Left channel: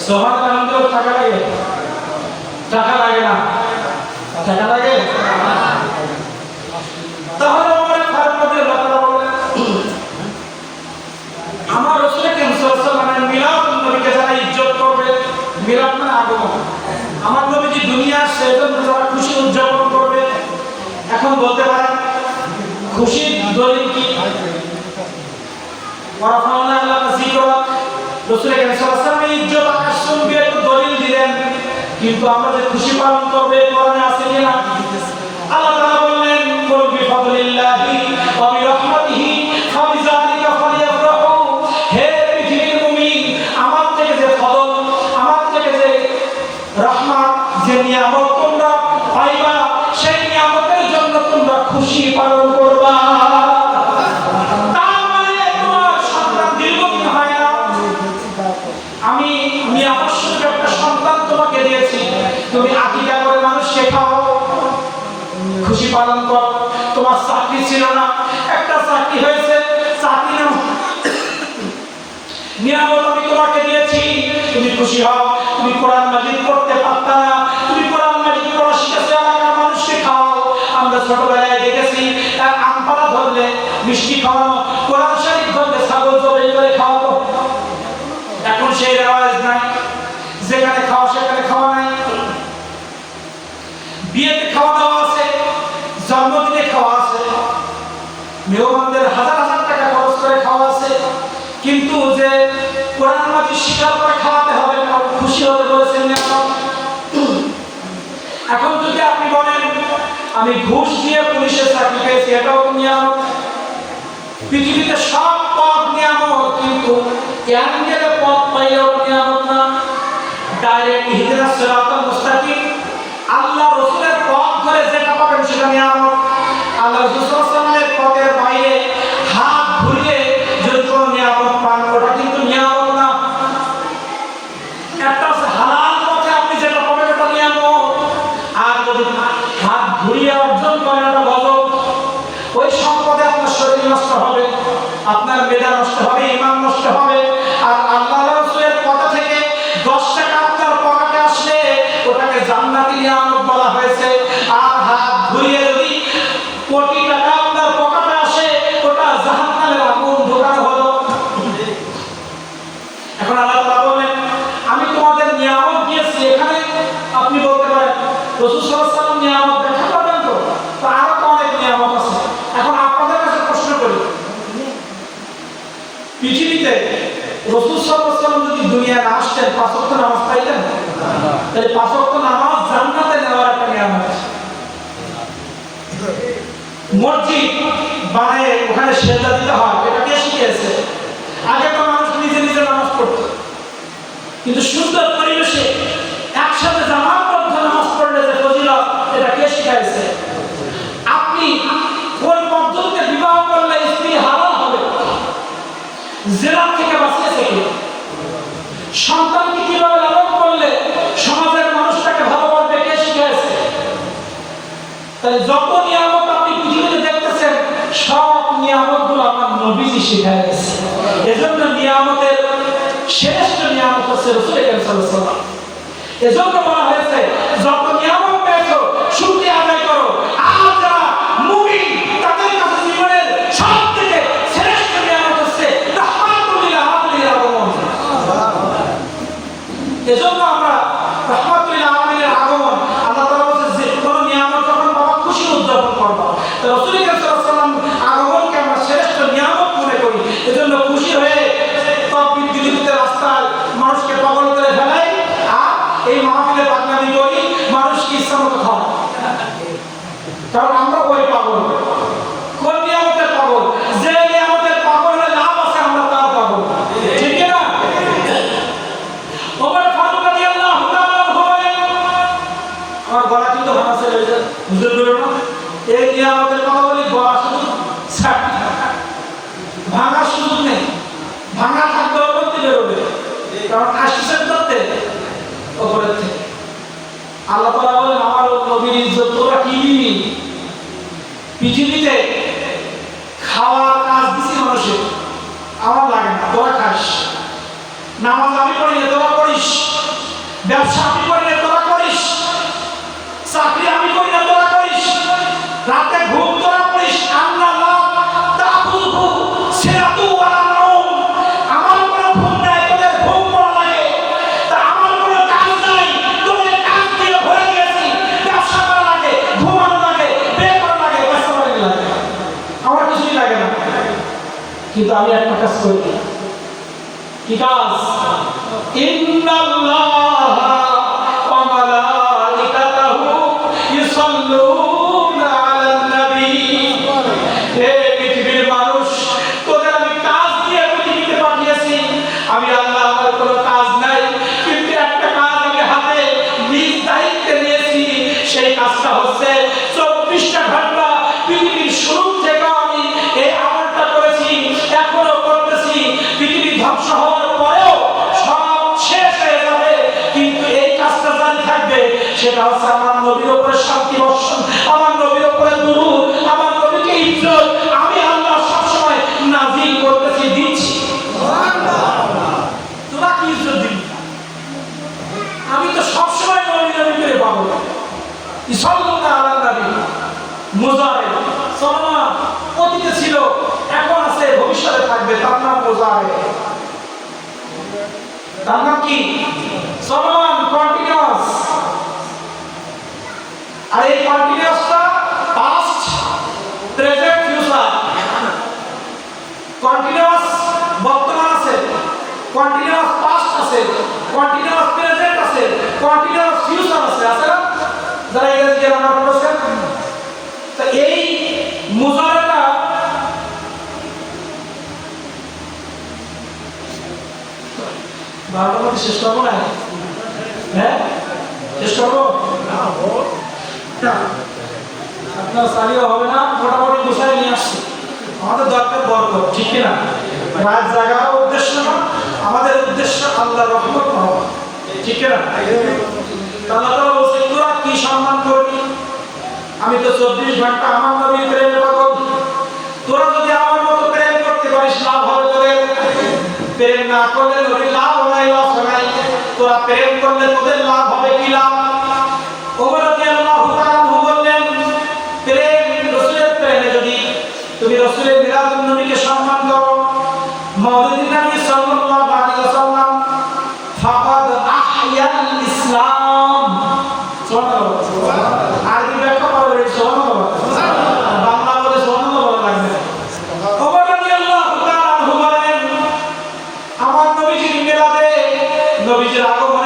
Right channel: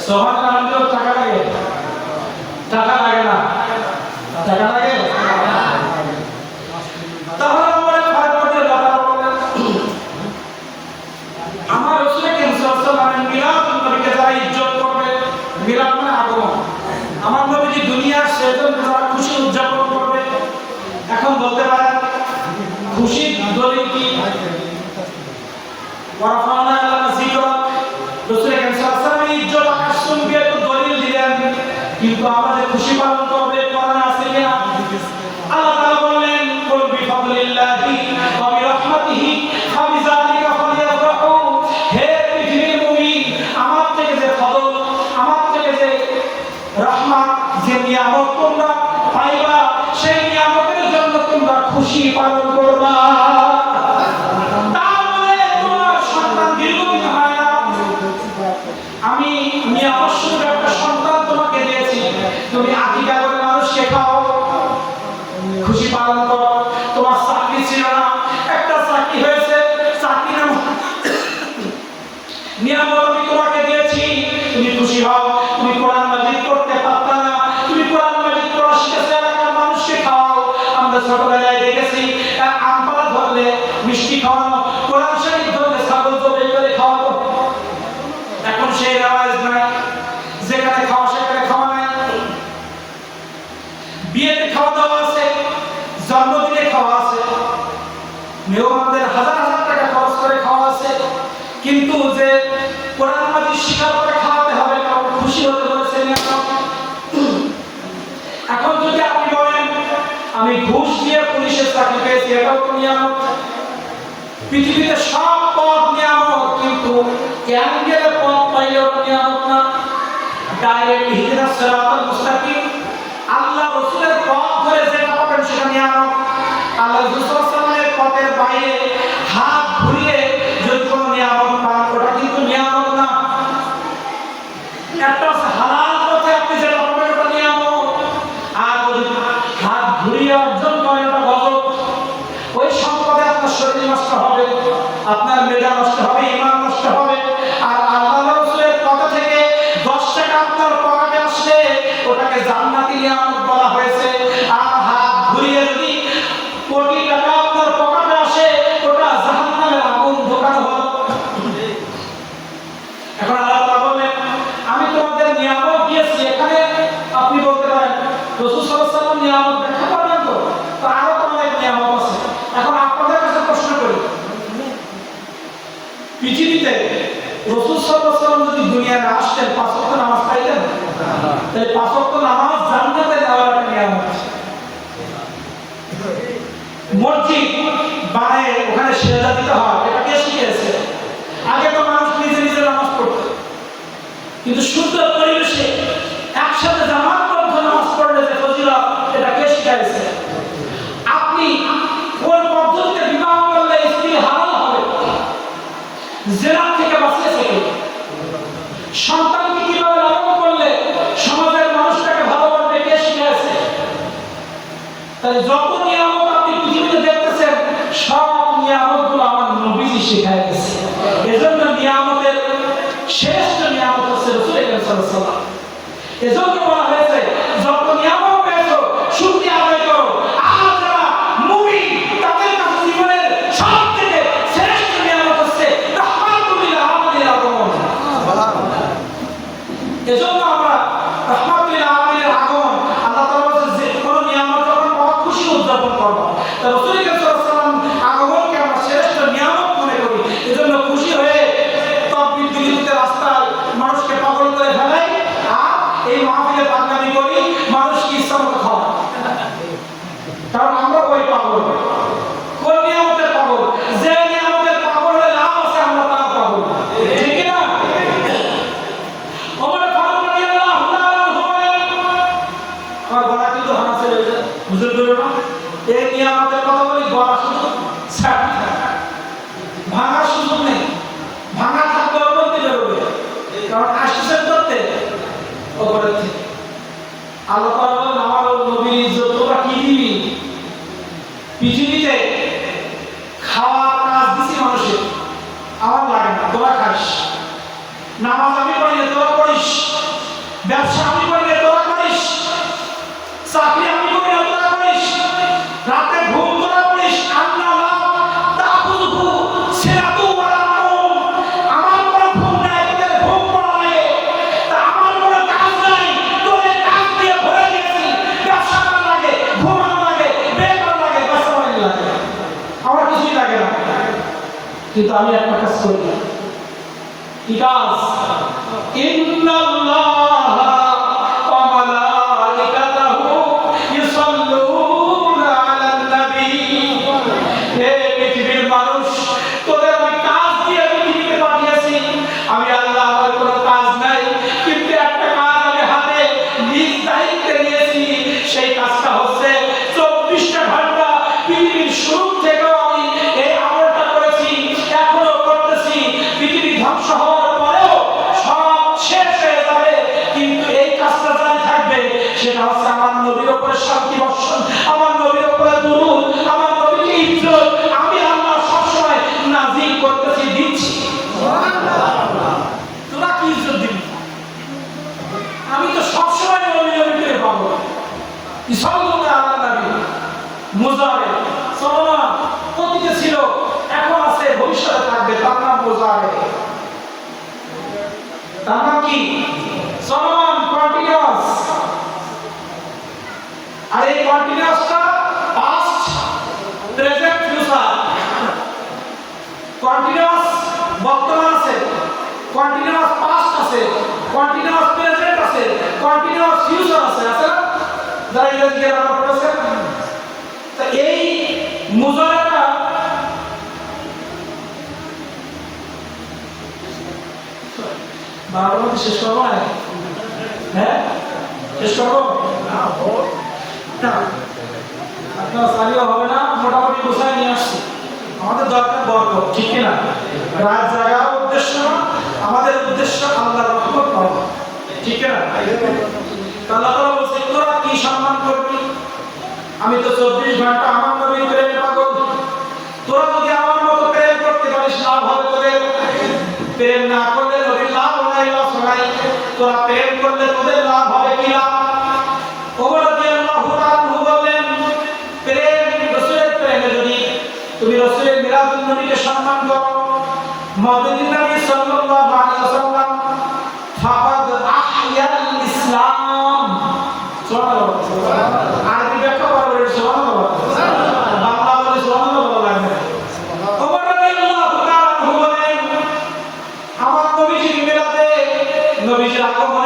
সুবহানাল্লাহ। টাকা লাগে? টাকা লাগে না? টাকা লাগে? তাহলে আমার ফারুক রাদিয়াল্লাহু তাআলা বলেন, আমার রাসূল করিম সাল্লাল্লাহু আলাইহি ওয়াসাল্লামের মিলাদুন নবীকে যারা ইজ্জত করবে, মিলাদ মানে আগমন, আমার নবীজি দুনিয়া সেজন্য যারা খুশি উদযাপন করবে। এখন বলতে পারেন খুশির দলিল কি? ওয়ারাফানা লাকা যিকরাক, রাসূল করিম সাল্লাল্লাহু আলাইহি ওয়াসাল্লামের ইজ্জত আকাশ চুম্বি একটু দলিল দিলেন, কিন্তু আমরা যে খুশি পালন করবে কোরআনে আছে কিনা? আল্লাহ তাআলা বললেন, কুল বিফাদলিল্লাহি ওয়া বিরহমাতিহি ফাবিযালিকা ফালইফরাহু। হে পৃথিবীর মুমিন, আমার থেকে যে ফজল, আমার থেকে যে রহমত, যে নিয়ামত তোমরা পাইবা, সেই নিয়ামতের জন্য তোমরা খুশি পালন করবা। তার মানে তোমার সন্তান দীর্ঘদিন হয় না, আমি নিয়ামত স্বরূপ একটা সন্তান তোমাকে দিয়েছি, তুমি আকিকা করে মানুষকে খাও, খুশি পালন করো। তোমার চাকরি ছিল না, একটা চাকরি হয়েছে, চাকরি নাম নিয়ামত আমি তোমাকে দিয়েছি, তুমি খুশি হও। তুমি কোরআন মাজিদ পড়তে পারতা না, তুমি কোরআন মাজিদ পড়া শিখেছো, এলাকার মানুষকে খাওয়াও। আমরা ছোটবেলায় দেখেছি আম পাড়া ধরলে মিষ্টি খাওয়ানো, কোরআন শরীফ ধরলে ছাগল জবাই করে খাওয়ানো। এখন সেই রেওয়াজ নাই, যেখানে খাওয়া সেখানে খাওয়া নাই। বিয়েতে খাওয়া দাওয়া আছে, জন্মদিনে খাওয়া আছে, মেহমানদের হাজার হাজার টাকা খরচ করে খাওয়া আছে, কিন্তু যে কোরআন মাজিদ শিকার করে খাওয়াতে হবে, কারণ খুশি হতে বলেছে নিয়ামত। এখন যদি আপনি বলেন আমি ঘুষ দিয়ে পুলিশের চাকরি পেয়েছি, এটাও নিয়ামত। পৃথিবীতে সব পদ নিয়ামত, কিন্তু ক্যাঙ্গের পদ পাইলেও নিয়ামত না। ডাইরেক্ট ইহদিনাস সিরাতাল মুস্তাকিম, আল্লাহ রাসূলের পথ ধরে যেটা পাবেন সেটা নিয়ামত। আল্লাহ রাসূল সাল্লাল্লাহু আলাইহি ওয়াসাল্লামের পথের বাইরে হাত ঘুরিয়ে যদি কোনো নিয়ামত পান, ওটা কিন্তু নিয়ামত না। একটা হালাল পথে আপনি যেটা পাবেন ওটা নিয়ামত, আর যদি হাত ঘুরিয়ে অর্জন করেন ওটা গজব। ওই সম্পদে আপনার শরীর নষ্ট হবে, আপনার মেধা নষ্ট হবে, ঈমান নষ্ট হবে। আর আল্লাহ রাসূলের কথা থেকে 10 টাকা আপনার পকেটে আসলে ওটাকে জান্নাতি নিয়ামত বলা হয়েছে। আর হাত ঘুরিয়ে যদি কোটি টাকা আপনার পকেটে আসে, ওটা জাহান্নামের আগুন ঢোকানো হলো। এখন আল্লাহ তাআলা বলেন, আমি তোমাদের নিয়ামত দিয়েছি। এখানে আপনি বলতে পারেন রাসূল সাল্লাল্লাহু আলাইহি ওয়াসাল্লাম নিয়ামত দেখা করবেন তো আরো তো অনেক নিয়ামত আছে। এখন আপনাদের কাছে প্রশ্ন করি, পৃথিবীতে রাসূল সাল্লাল্লাহু আলাইহি ওয়াসাল্লাম যদি দুনিয়ায় আসতেন 5 ওয়াক্ত নামাজ পাইতেন? তাহলে 5 ওয়াক্ত নামাজ জান্নাতে নেওয়ার একটা নিয়ামত। মসজিদ বানায় ওখানে সেজদা দিতে হয়, এটা কে শিখিয়েছে? আগে তো মানুষ নিজে নিজে নামাজ পড়তো, কিন্তু সুন্দর পরিবেশে একসাথে জামাতবদ্ধ নামাজ পড়লে যে ফজিলত, এটা কে শিখাইছে? আপনি কোন পদ্ধতিতে বিবাহ করলে স্ত্রী হালাল হবে, জিনা থেকে বাঁচিয়েছে কে? সন্তানকে কিভাবে লালন করলে সমাজের মানুষটাকে ভালোবাসবে, কে শিখাইছে? তাহলে যত নিয়ামত আপনি পৃথিবীতে দেখতেছেন, সব নিয়ামতগুলো আমার নবীজি শিখাই গেছে। এজন্য নিয়ামতের শ্রেষ্ঠ নিয়ামত হচ্ছে রাসূল করিম সাল্লাল্লাহু আলাইহি ওয়াসাল্লাম। এজন্য বলা হয়েছে যত নিয়ামত পেয়েছো শুকরিয়া আদায় করো। আর যারা মুমিন তাদের কাছে জীবনের সবথেকে শ্রেষ্ঠ নিয়ামত হচ্ছে রাহমাতুল লিল আলামিন আগমন। এজন্য আমরা রাহমাতুল লিল আলামিনের আগমন, আল্লাহ তাআলা বলেছেন যে কোন নিয়ামত যখন পাওয়া খুশি উদযাপন করবা। তো রাসূল করিম সাল্লাল্লাহু আলাইহি ওয়াসাল্লাম আগমনকে আমরা শ্রেষ্ঠ নিয়ামত মনে করি। এজন্য খুশি হয়ে তকবীর দিতে রাস্তায় মানুষকে পাগল করে ফেলাই, আর এই মাহফিলে বাদনামি করি, মানুষকে ইচ্ছা মতো খাওয়া। কারণ আমরা ওই পাগল। কোন নিয়ামতের পাগল? যে নিয়ামতের পাগল হলে লাভ আছে, আমরা তার পাগল, ঠিক না? ওমর ফারুক রাদিয়াল্লাহু তাআলা বলেন, আমার গলা কিন্তু ভাঙা ছিল, হুজুর বলল না এই নিয়ামতের কথা বলি, গলা শুধু ভাঙার সুযোগ নেই, ভাঙা থাকবে অবন্তি বেরোবে, কারণ আসছেন করতে ওপরের থেকে। আল্লাহ তাআলা বলেন, আমার নবীর ইজ্জত তোরা কি দিবি? পৃথিবীতে খাওয়ার কাজ দিছি মানুষের, আমার লাগে না, তোরা খাস। নামাজ আমি পড়ি না তোরা করিস, ব্যবসা আমি করি না তোরা করিস, চাকরি আমি করি না তোরা করিস, রাতে ঘুম তোরা করিস, আন্না লা তাকুলহু সিরাতু ওয়ালা নাওম। আমার কোনো ঘুম নাই, তোদের ঘুম পড়া লাগে। তা আমার কোনো কাজ নাই, তোদের কাজ দিয়ে ভরে গেছি। ব্যবসা করা লাগে, ঘুমানো লাগে, বের করা লাগে, ব্যবসা করা লাগে, আমার কিছুই লাগে না। কিন্তু আমি একটা কাজ করি। কি কাজ? ইন্নাল্লাহা ওয়া মালাইকাতাহু ইউসাল্লুনা আলান নবী। হে পৃথিবীর মানুষ, তোদের আমি কাজ দিয়ে পৃথিবীতে পাঠিয়েছি। আমি আল্লাহ, আমার কোনো কাজ নাই, কিন্তু একটা কাজ আমি হাতে নিজ দায়িত্বে নিয়েছি। সেই কাজটা হচ্ছে 24টা ঘন্টা পৃথিবীর শুরু থেকে আমি এই আমলটা করেছি, এখনো করতেছি। পৃথিবী ধ্বংস হওয়ার পরেও সব শেষ হয়ে যাবে, কিন্তু এই কাজটা জারি থাকবে। সেটা হচ্ছে আমার নবীর উপরে শান্তি বর্ষণ, আমার নবীর উপরে দুরূদ, আমার নবীকে ইজ্জত আমি আল্লাহ সবসময় নাযিল করতেছি, দিচ্ছি। তোরা কি ইজ্জত দিবি? আমি তো সবসময় নবী নবী করে পাবো। ইসলামে আলাদা নবী মুজারে সালাম অতীতে ছিল, এখন আছে, ভবিষ্যতে থাকবে। তার নাম মুজারে। তার নাম কি? সালাম, কন্টিনিউয়াস। আর এই কন্টিনিউয়াসটা পাস্ট, প্রেজেন্ট, ফিউচার। কন্টিনিউয়াস বর্তমান আছে, কন্টিনিউয়াস পাস্ট আছে, কন্টিনিউয়াস প্রেজেন্ট আছে, কন্টিনিউয়াস ফিউচার আছে। আছে না? যারা ইংরেজি গ্রামার পড়েছেন, তো এই মুজারেটা বারোটার মধ্যে শেষ করবো না? হ্যাঁ, শেষ করবো না? আপনার চালিও হবে না, মোটামুটি গোছায় নিয়ে আসছে। আমাদের দরকার বরকত, ঠিক কিনা? রাত জাগাও উদ্দেশ্য না, আমাদের উদ্দেশ্য আল্লাহর রহমত পাওয়া, ঠিক কিনা? আল্লাহ তাআলা বলছে, তোরা কি সম্মান করবি? আমি তো 24 ঘন্টা আমার নবীর প্রেম পাগল। তোরা যদি আমার মতো প্রেম করতে পারিস, লাভ হবে তোদের। প্রেম না করলে নবীর লাভ হয় না, শোনাই। তোরা প্রেম করলে তোদের লাভ হবে। কি লাভ? ওমর রাদিয়াল্লাহু তাআলা বললেন, প্রেম, রাসূলের প্রেমে যদি তুমি রাসূলের মিলাদুন নবীকে সম্মান করো, মাওলিদুন নবী সাল্লাল্লাহু আলাইহি ওয়াসাল্লাম, ফাকাদ আহইয়াল ইসলাম। সুবহানাল্লাহ। আরবি ব্যাখ্যা করবে, সুবহানাল্লাহ। বাংলা বলে সুবহানাল্লাহ বলা লাগবে। ওমর রাদিয়াল্লাহু তাআলা বলেন, আমার নবীজির মিলাদে, নবীজির আগমনে